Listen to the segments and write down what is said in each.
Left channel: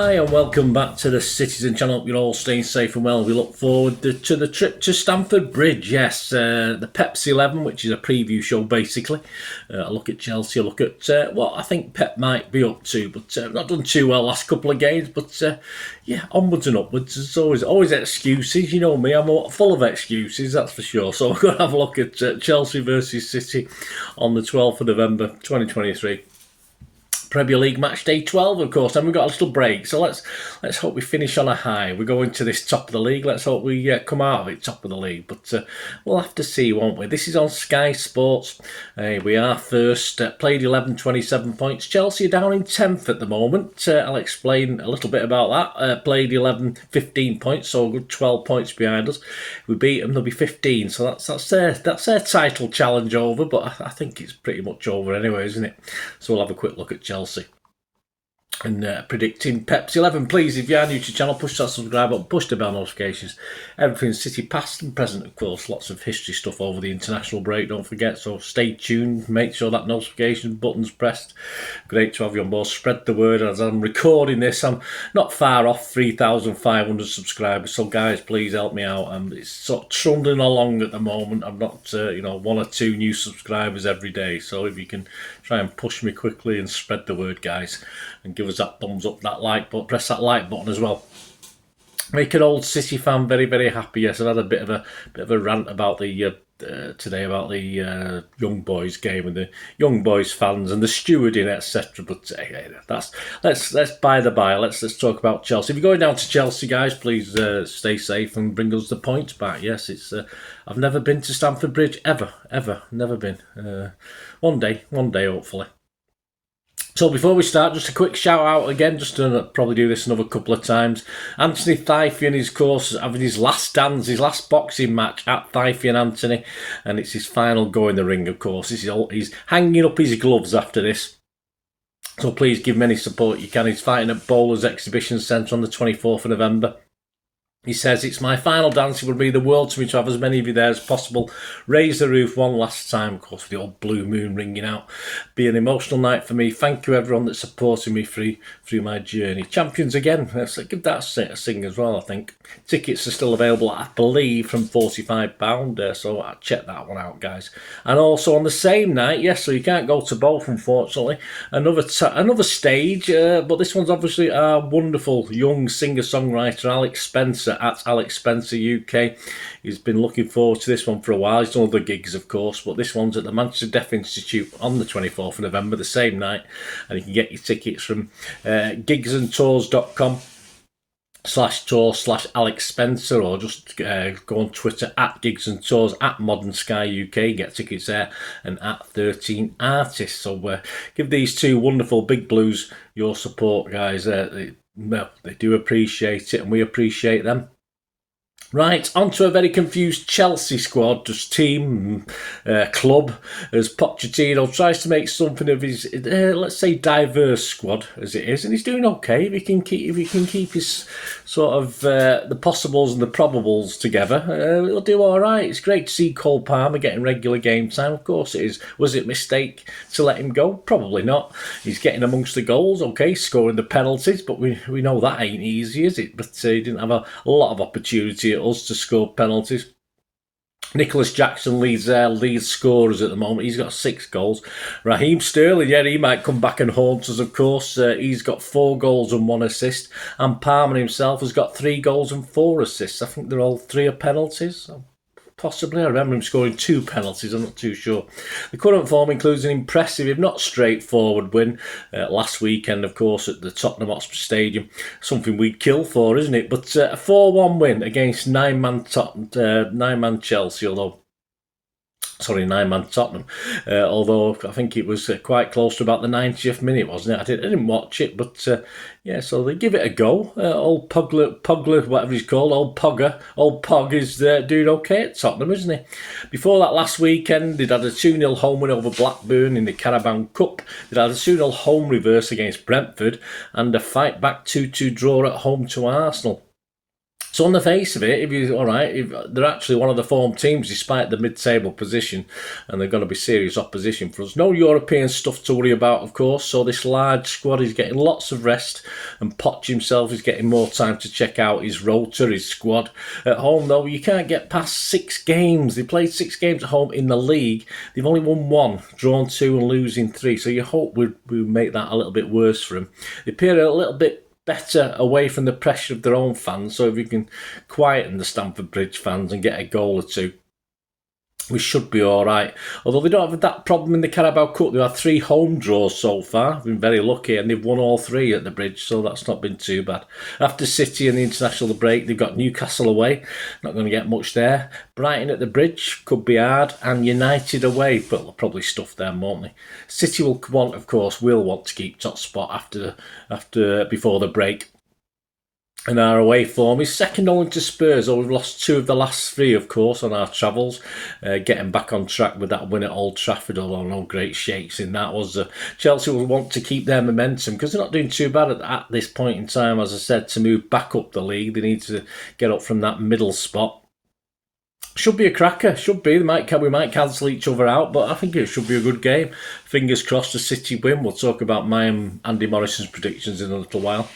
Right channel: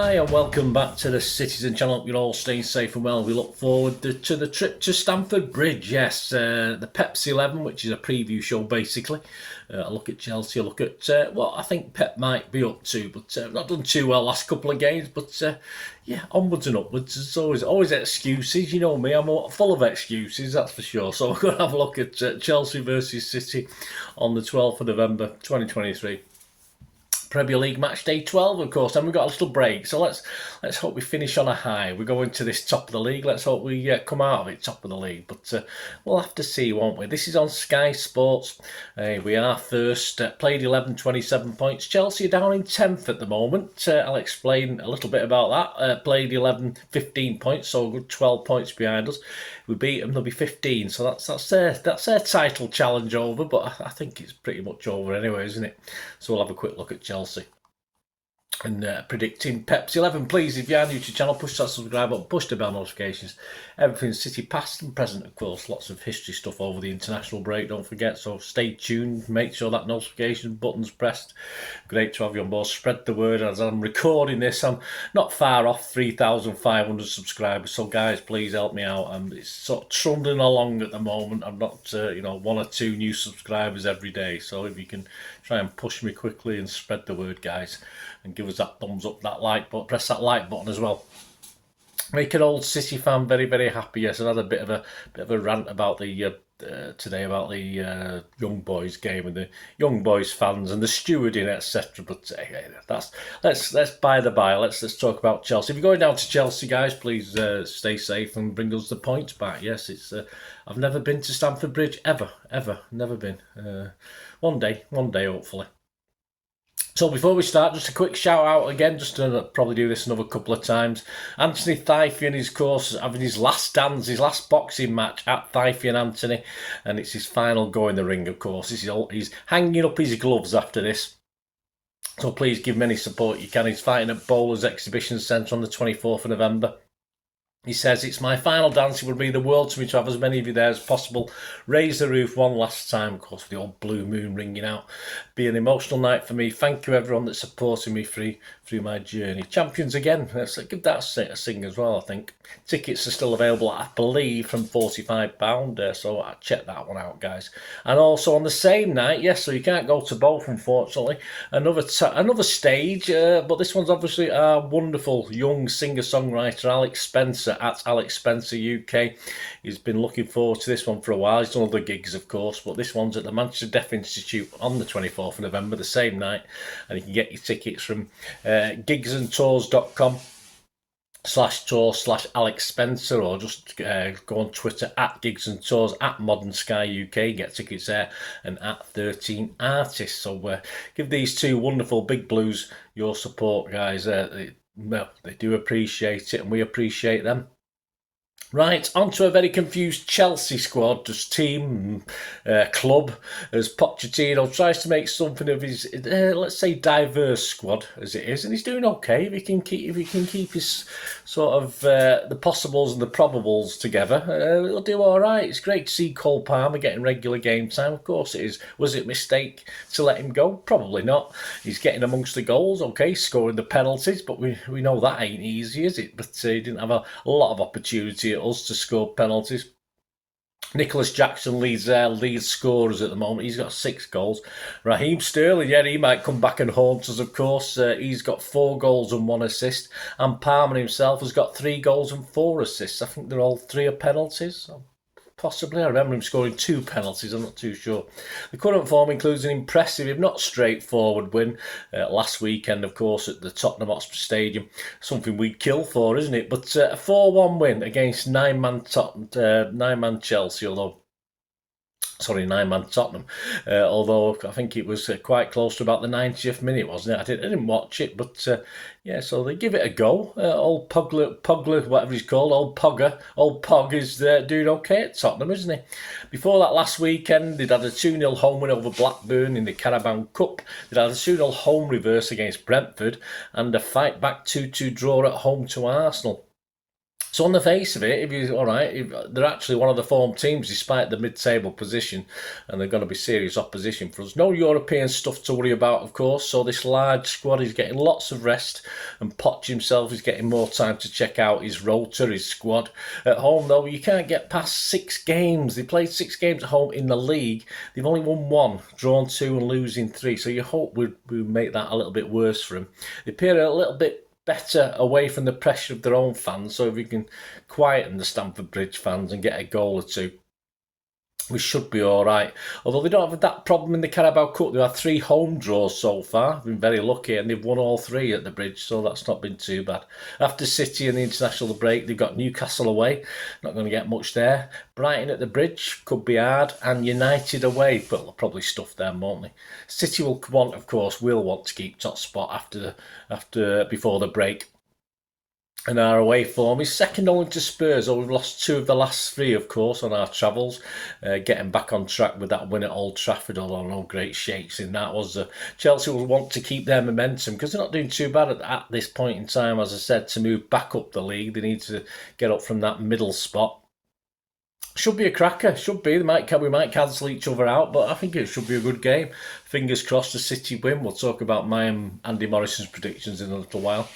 Hi and welcome back to the Citizen channel. Hope you're all staying safe and well. We look forward to the trip to Stamford Bridge. Yes, the Pepsi 11, which is a preview show basically. A look at Chelsea, a look at what I think Pep might be up to, but not done too well last couple of games. But yeah, onwards and upwards. There's always excuses. You know me, I'm full of excuses, that's for sure. So we're going to have a look at Chelsea versus City on the 12th of November 2023. Premier League match day 12, of course, and we've got a little break, so let's hope we finish on a high. We go into this top of the league, let's hope we come out of it top of the league, but we'll have to see, won't we? This is on Sky Sports. We are first, played 11, 27 points. Chelsea are down in 10th at the moment. I'll explain a little bit about that. Played 11, 15 points, so a good 12 points behind us. We beat them, they'll be 15, so that's their title challenge over, but I think it's pretty much over anyway, isn't it? So we'll have a quick look at Chelsea. And predicting Pepsi 11. Please, if you are new to the channel, push that subscribe button, push the bell notifications. Everything City past and present, of course. Lots of history stuff over the international break, don't forget. So stay tuned, make sure that notification button's pressed. Great to have you on board. Spread the word. As I'm recording this, I'm not far off 3,500 subscribers. So guys, please help me out. It's sort of trundling along at the moment. I'm not, one or two new subscribers every day. So if you can try and push me quickly and spread the word, guys, and give us that thumbs up, that like button, press that like button as well. Make an old City fan very, very happy. Yes, I've had a bit of a rant about the today about the young boys game and the young boys fans and the stewarding, etc. But let's by the by. Let's talk about Chelsea. If you're going down to Chelsea, guys, please stay safe and bring us the points back. Yes, it's I've never been to Stamford Bridge ever, never been. One day, hopefully. So before we start, just a quick shout out again, just to probably do this another couple of times. Anthony Thyfian is, of course, having his last dance, his last boxing match at Thyfian Anthony, and it's his final go in the ring, of course. He's hanging up his gloves after this. So please give him any support you can. He's fighting at Bowler's Exhibition Centre on the 24th of November. He says, "It's my final dance. It would mean the world to me to have as many of you there as possible. Raise the roof one last time," of course, with the old Bluemoon ringing out. "Be an emotional night for me. Thank you, everyone that's supporting me through my journey. Champions again." Let's give that a sing as well, I think. Tickets are still available, I believe, from £45. So I'll check that one out, guys. And also on the same night, yes, so you can't go to both, unfortunately. Another stage, but this one's obviously our wonderful young singer-songwriter, Alex Spencer, at Alex Spencer UK. He's been looking forward to this one for a while. He's done other gigs, of course, but this one's at the Manchester Deaf Institute on the 24th of November, the same night. And you can get your tickets from gigsandtours.com/tour/Alex Spencer, or just go on Twitter at Gigs and Tours, at Modern Sky UK, get tickets there, and at 13 Artists. So give these two wonderful big blues your support, guys. They do appreciate it, and we appreciate them. Right, on to a very confused Chelsea squad, just team, club, as Pochettino tries to make something of his, let's say, diverse squad as it is, and he's doing okay. If he can keep his sort of the possibles and the probables together, he'll do all right. It's great to see Cole Palmer getting regular game time. Of course it is. Was it a mistake to let him go? Probably not. He's getting amongst the goals, okay, scoring the penalties, but we know that ain't easy, is it? But he didn't have a lot of opportunity at us to score penalties. Nicholas Jackson leads their lead scorers at the moment. He's got 6 goals. Raheem Sterling, yeah, he might come back and haunt us, of course. He's got 4 goals and 1 assist. And Palmer himself has got 3 goals and 4 assists. I think they're all 3 are penalties. So possibly. I remember him scoring 2 penalties. I'm not too sure. The current form includes an impressive, if not straightforward, win last weekend, of course, at the Tottenham Hotspur Stadium. Something we'd kill for, isn't it? But a 4-1 win against nine-man Chelsea, nine-man Tottenham. Although I think it was quite close to about the 90th minute, wasn't it? I didn't watch it, but yeah, so they give it a go. Old Pugler, whatever he's called, old Pog is doing okay at Tottenham, isn't he? Before that last weekend, they'd had a 2-0 home win over Blackburn in the Carabao Cup. They'd had a 2-0 home reverse against Brentford and a fight-back 2-2 draw at home to Arsenal. So on the face of it, if they're actually one of the form teams despite the mid-table position, and they're going to be serious opposition for us. No European stuff to worry about, of course. So this large squad is getting lots of rest, and Poch himself is getting more time to check out his rotor, his squad. At home, though, you can't get past 6 games. They played 6 games at home in the league. They've only won 1, drawn 2, and losing 3. So you hope we make that a little bit worse for them. They appear a little bit better away from the pressure of their own fans. So if you can quieten the Stamford Bridge fans and get a goal or 2, we should be all right. Although they don't have that problem in the Carabao Cup. They've had 3 home draws so far. Been very lucky, and they've won all 3 at the Bridge, so that's not been too bad. After City and the international break, they've got Newcastle away. Not going to get much there. Brighton at the Bridge could be hard, and United away, but they'll probably stuff them, won't they? City will want to keep top spot before the break. And our away form is second only to Spurs, we've lost 2 of the last 3, of course, on our travels. Getting back on track with that win at Old Trafford, although no great shakes in that was. Chelsea will want to keep their momentum because they're not doing too bad at this point in time, as I said, to move back up the league. They need to get up from that middle spot. Should be a cracker, should be. We might cancel each other out, but I think it should be a good game. Fingers crossed a City win. We'll talk about my and Andy Morrison's predictions in a little while.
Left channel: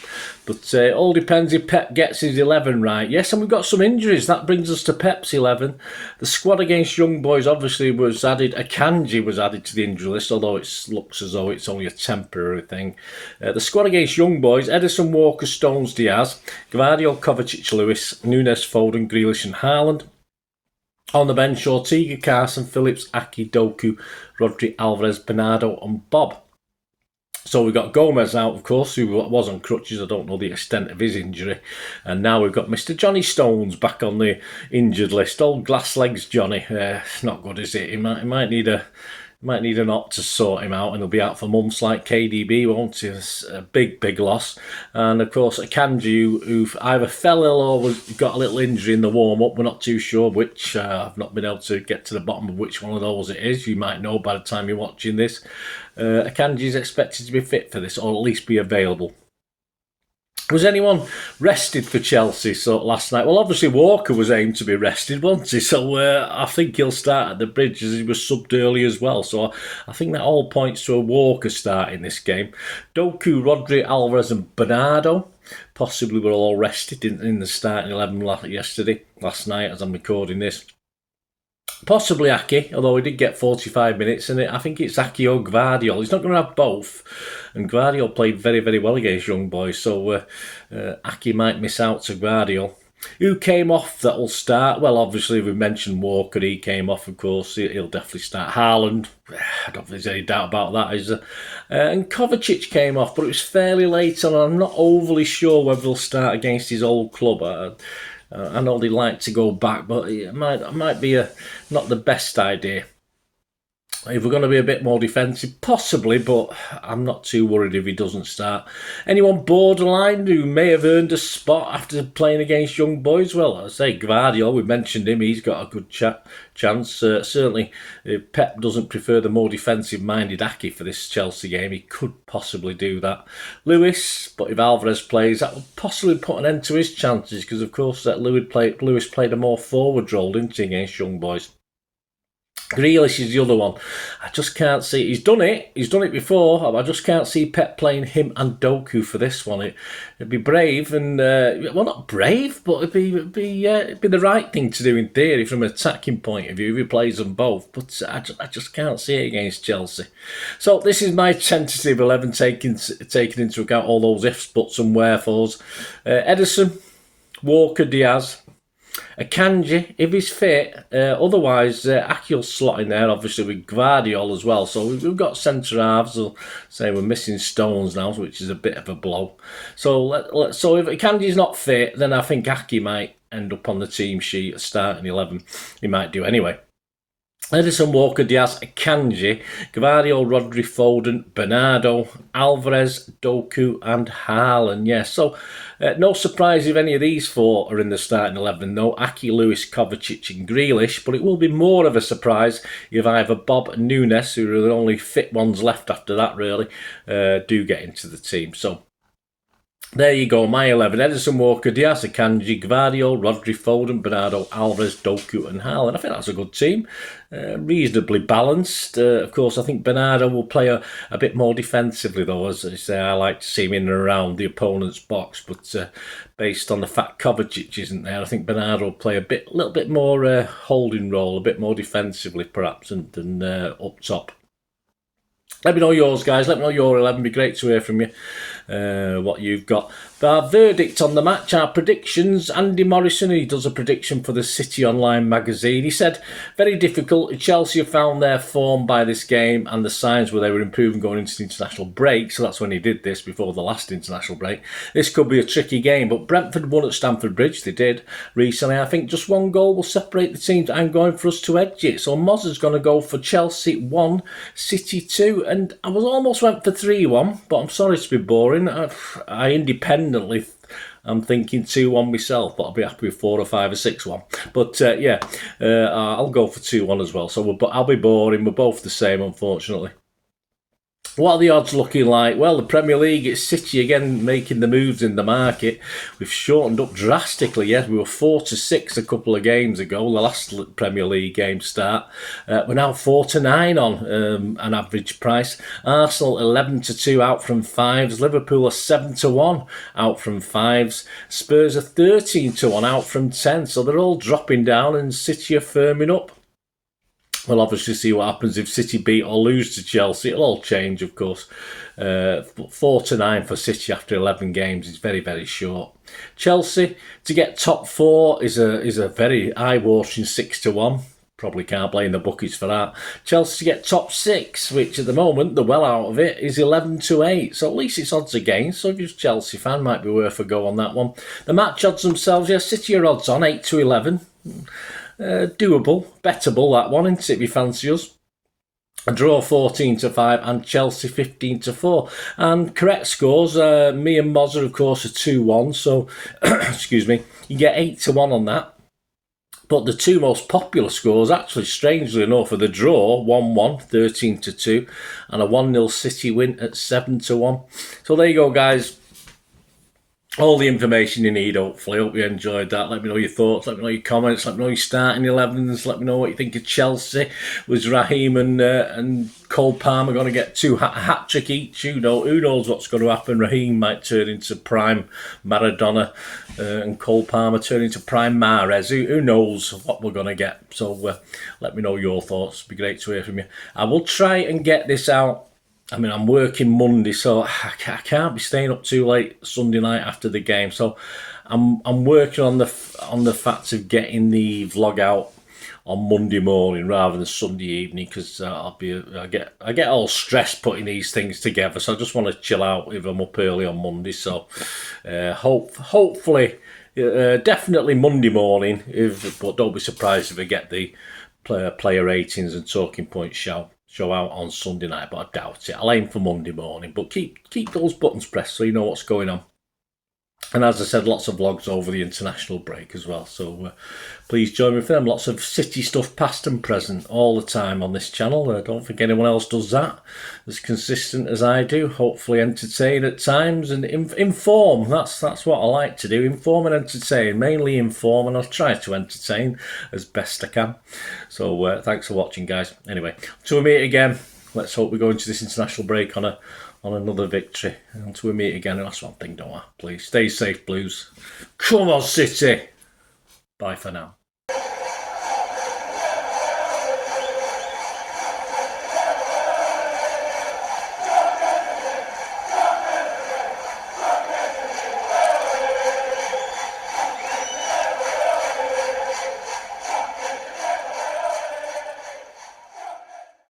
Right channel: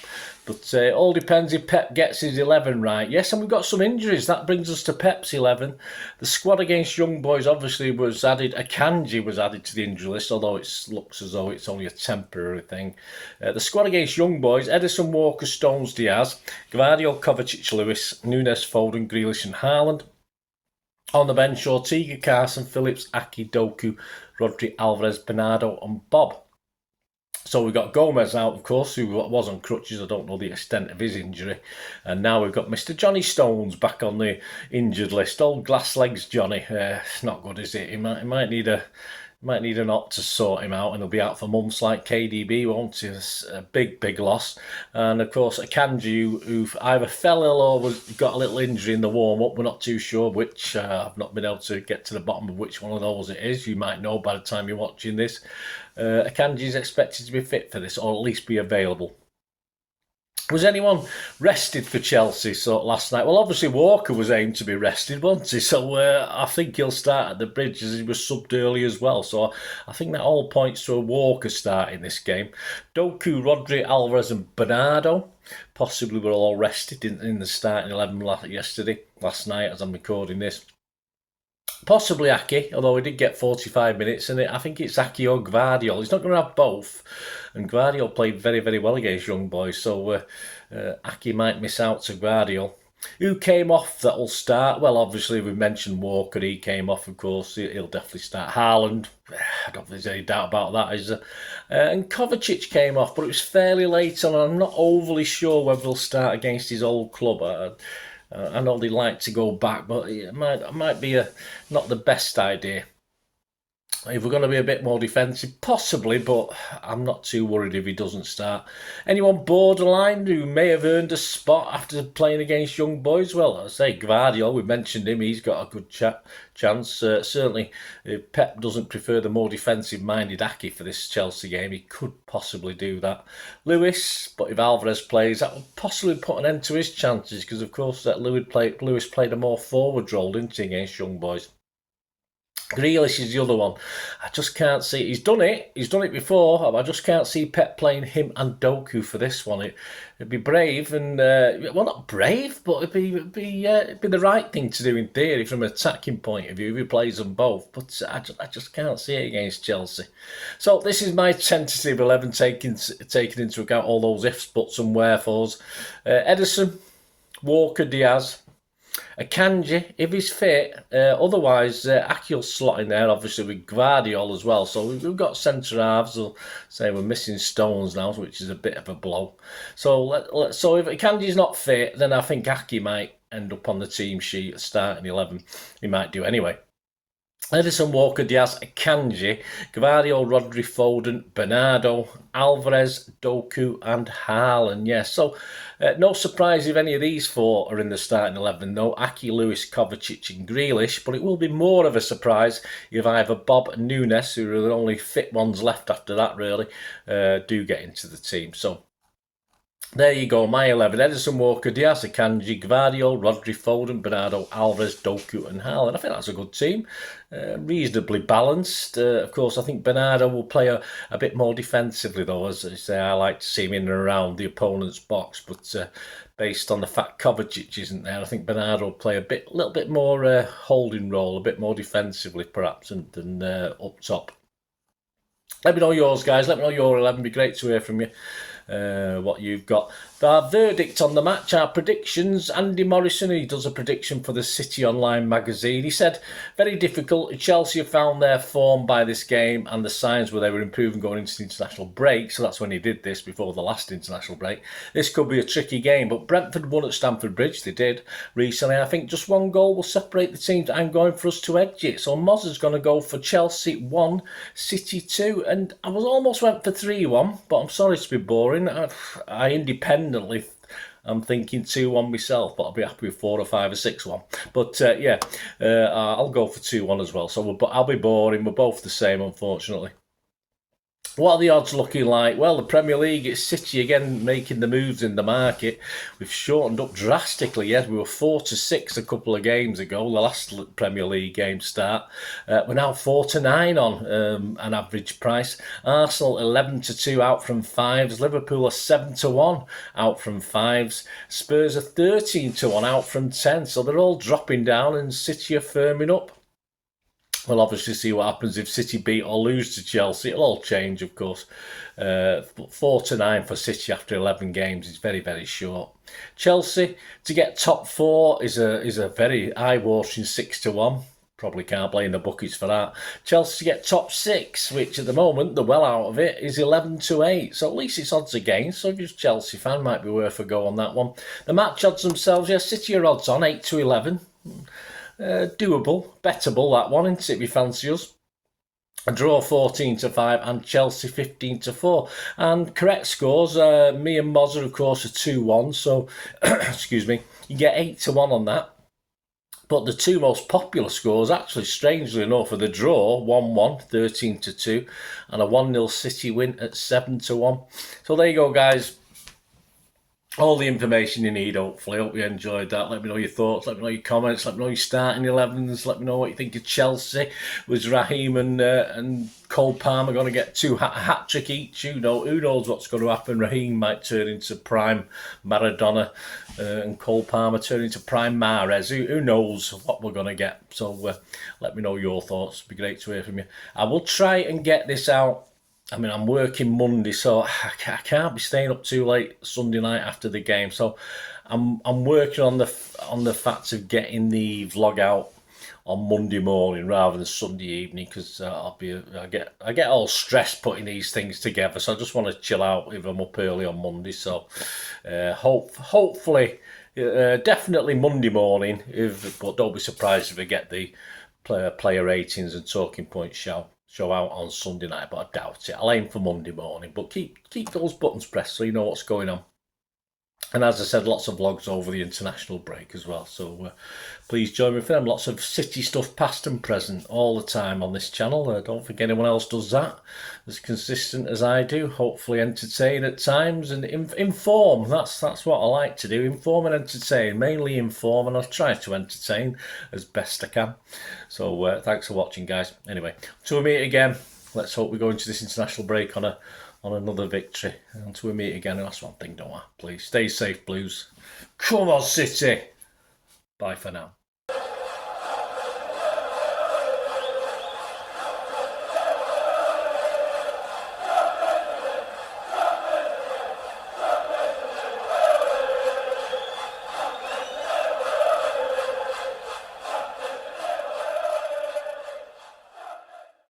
But it all depends if Pep gets his 11 right. Yes, and we've got some injuries. That brings us to Pep's 11. The squad against Young Boys obviously was added. Akanji was added to the injury list, although it looks as though it's only a temporary thing. The squad against Young Boys: Edison, Walker, Stones, Diaz, Gvardiol, Kovacic, Lewis, Nunes, Foden, Grealish and Haaland. On the bench, Ortega, Carson, Phillips, Aki, Doku, Rodri, Alvarez, Bernardo and Bob. So we've got Gomez out, of course, who was on crutches. I don't know the extent of his injury. And now we've got Mr. Johnny Stones back on the injured list. Old glass legs Johnny. It's not good, is it? He might need an op to sort him out, and he'll be out for months like KDB, won't he? It's a big loss. And of course, Akanji, who either fell ill or got a little injury in the warm-up. We're not too sure which. I've not been able to get to the bottom of which one of those it is. You might know by the time you're watching this. Akanji is expected to be fit for this, or at least be available. Was anyone rested for Chelsea last night? Well, obviously Walker was aimed to be rested, wasn't he? So I think he'll start at the Bridge, as he was subbed early as well. So I think that all points to a Walker start in this game. Doku, Rodri, Alvarez and Bernardo possibly were all rested in the starting 11 last night as I'm recording this. Possibly Aki, although he did get 45 minutes, and I think it's Aki or Gvardiol. He's not going to have both, and Gvardiol played very, very well against Young Boys, so Aki might miss out to Gvardiol. Who came off that will start? Well, obviously we mentioned Walker. He came off, of course. He'll definitely start. Haaland, I don't think there's any doubt about that, is there? And Kovacic came off, but it was fairly late on. I'm not overly sure whether he'll start against his old club. I know they like to go back, but it might be not the best idea. If we're going to be a bit more defensive, possibly, but I'm not too worried if he doesn't start. Anyone borderline who may have earned a spot after playing against Young Boys? Well, I say Gvardiol, we mentioned him, he's got a good chance. Certainly, if Pep doesn't prefer the more defensive-minded Aki for this Chelsea game, he could possibly do that. Lewis, but if Alvarez plays, that will possibly put an end to his chances, because of course that Lewis played a more forward role, didn't he, against Young Boys. Grealish is the other one. I just can't see. He's done it before. I just can't see Pep playing him and Doku for this one. It'd be brave and well, not brave, but it'd be the right thing to do in theory from an attacking point of view if he plays them both. But I just can't see it against Chelsea. So this is my tentative 11, taking into account all those ifs, buts, and wherefores. Edison, Walker, Diaz. Akanji, if he's fit, otherwise Aki will slot in there, obviously with Gvardiol as well. So we've got centre halves. We'll say we're missing Stones now, which is a bit of a blow. So so if Akanji's not fit, then I think Aki might end up on the team sheet starting 11. He might do anyway. Edison, Walker, Diaz, Akanji, Gvardiol, Rodri, Foden, Bernardo, Alvarez, Doku and Haaland. Yes, so no surprise if any of these 4 are in the starting 11. No, Aki, Lewis, Kovacic and Grealish. But it will be more of a surprise if either Bob and Nunes, who are the only fit ones left after that really, do get into the team. So There you go, my 11. Edison, Walker, Diaz, Akanji, Gvardio, Rodri, Foden, Bernardo, Alvarez, Doku and Haaland. I think that's a good team. Reasonably balanced. Of course, I think Bernardo will play a bit more defensively, though. As I say, I like to see him in and around the opponent's box. But based on the fact Kovacic isn't there, I think Bernardo will play a little bit more holding role, a bit more defensively, perhaps, than up top. Let me know yours, guys. Let me know your 11. It'd be great to hear from you. What you've got. Our verdict on the match, our predictions. Andy Morrison, he does a prediction for the City Online magazine. He said, very difficult. Chelsea have found their form by this game and the signs where they were improving going into the international break. So that's when he did this, before the last international break. This could be a tricky game, but Brentford won at Stamford Bridge. They did recently. I think just one goal will separate the teams. I'm going for us to edge it. So Moz is going to go for Chelsea 1, City 2. And I was almost went for 3-1, but I'm sorry to be boring. I independently, I'm thinking 2-1 myself, but I'll be happy with 4 or 5 or 6-1. But I'll go for 2-1 as well. So I'll be boring. We're both the same, unfortunately. What are the odds looking like? Well, the Premier League, it's City again making the moves in the market. We've shortened up drastically. Yes, we were 4-6 a couple of games ago, the last Premier League game start. We're now 4-9 on an average price. Arsenal 11-2 out from 5s. Liverpool are 7-1 out from 5s. Spurs are 13-1 out from 10. So they're all dropping down and City are firming up. We'll obviously see what happens if City beat or lose to Chelsea. It'll all change, of course. 4-9 for City after 11 games is very, very short. Chelsea to get top 4 is a very eye-watering 6-1. Probably can't blame the bookies for that. Chelsea to get top 6, which at the moment, the well out of it, is 11-8. So at least it's odds against. So if you're a Chelsea fan, might be worth a go on that one. The match odds themselves, City are odds on 8-11. Doable, bettable that one, isn't it, if you fancy us? A draw 14-5 and Chelsea 15-4. And correct scores, me and Moz, of course, are 2-1. So, excuse me, you get 8-1 on that. But the two most popular scores, actually, strangely enough, are the draw 1-1, 13-2, and a 1-0 City win at 7-1. So there you go, guys. All the information you need, hopefully. Hope you enjoyed that. Let me know your thoughts. Let me know your comments. Let me know your starting 11s. Let me know what you think of Chelsea. Was Raheem and Cole Palmer going to get 2 hat-trick each? Who knows what's going to happen? Raheem might turn into prime Maradona and Cole Palmer turn into prime Mahrez. Who knows what we're going to get? So let me know your thoughts. It'd be great to hear from you. I will try and get this out. I mean, I'm working Monday, so I can't be staying up too late Sunday night after the game. So I'm working on the fact of getting the vlog out on Monday morning rather than Sunday evening, because I get all stressed putting these things together. So I just want to chill out if I'm up early on Monday. So hopefully, definitely Monday morning. But don't be surprised if I get the player ratings and talking points show out on Sunday night, but I doubt it. I'll aim for Monday morning, but keep those buttons pressed so you know what's going on. And as I said, lots of vlogs over the international break as well, so please join me for them. Lots of City stuff past and present all the time on this channel. Don't think anyone else does that as consistent as I do. Hopefully entertain at times and inform. That's what I like to do, inform and entertain. Mainly inform, and I'll try to entertain as best I can. So thanks for watching, guys. Anyway, till we meet again, let's hope we go into this international break on another victory. Until we meet again, that's one thing, don't I? Please stay safe, Blues. Come on, City. Bye for now.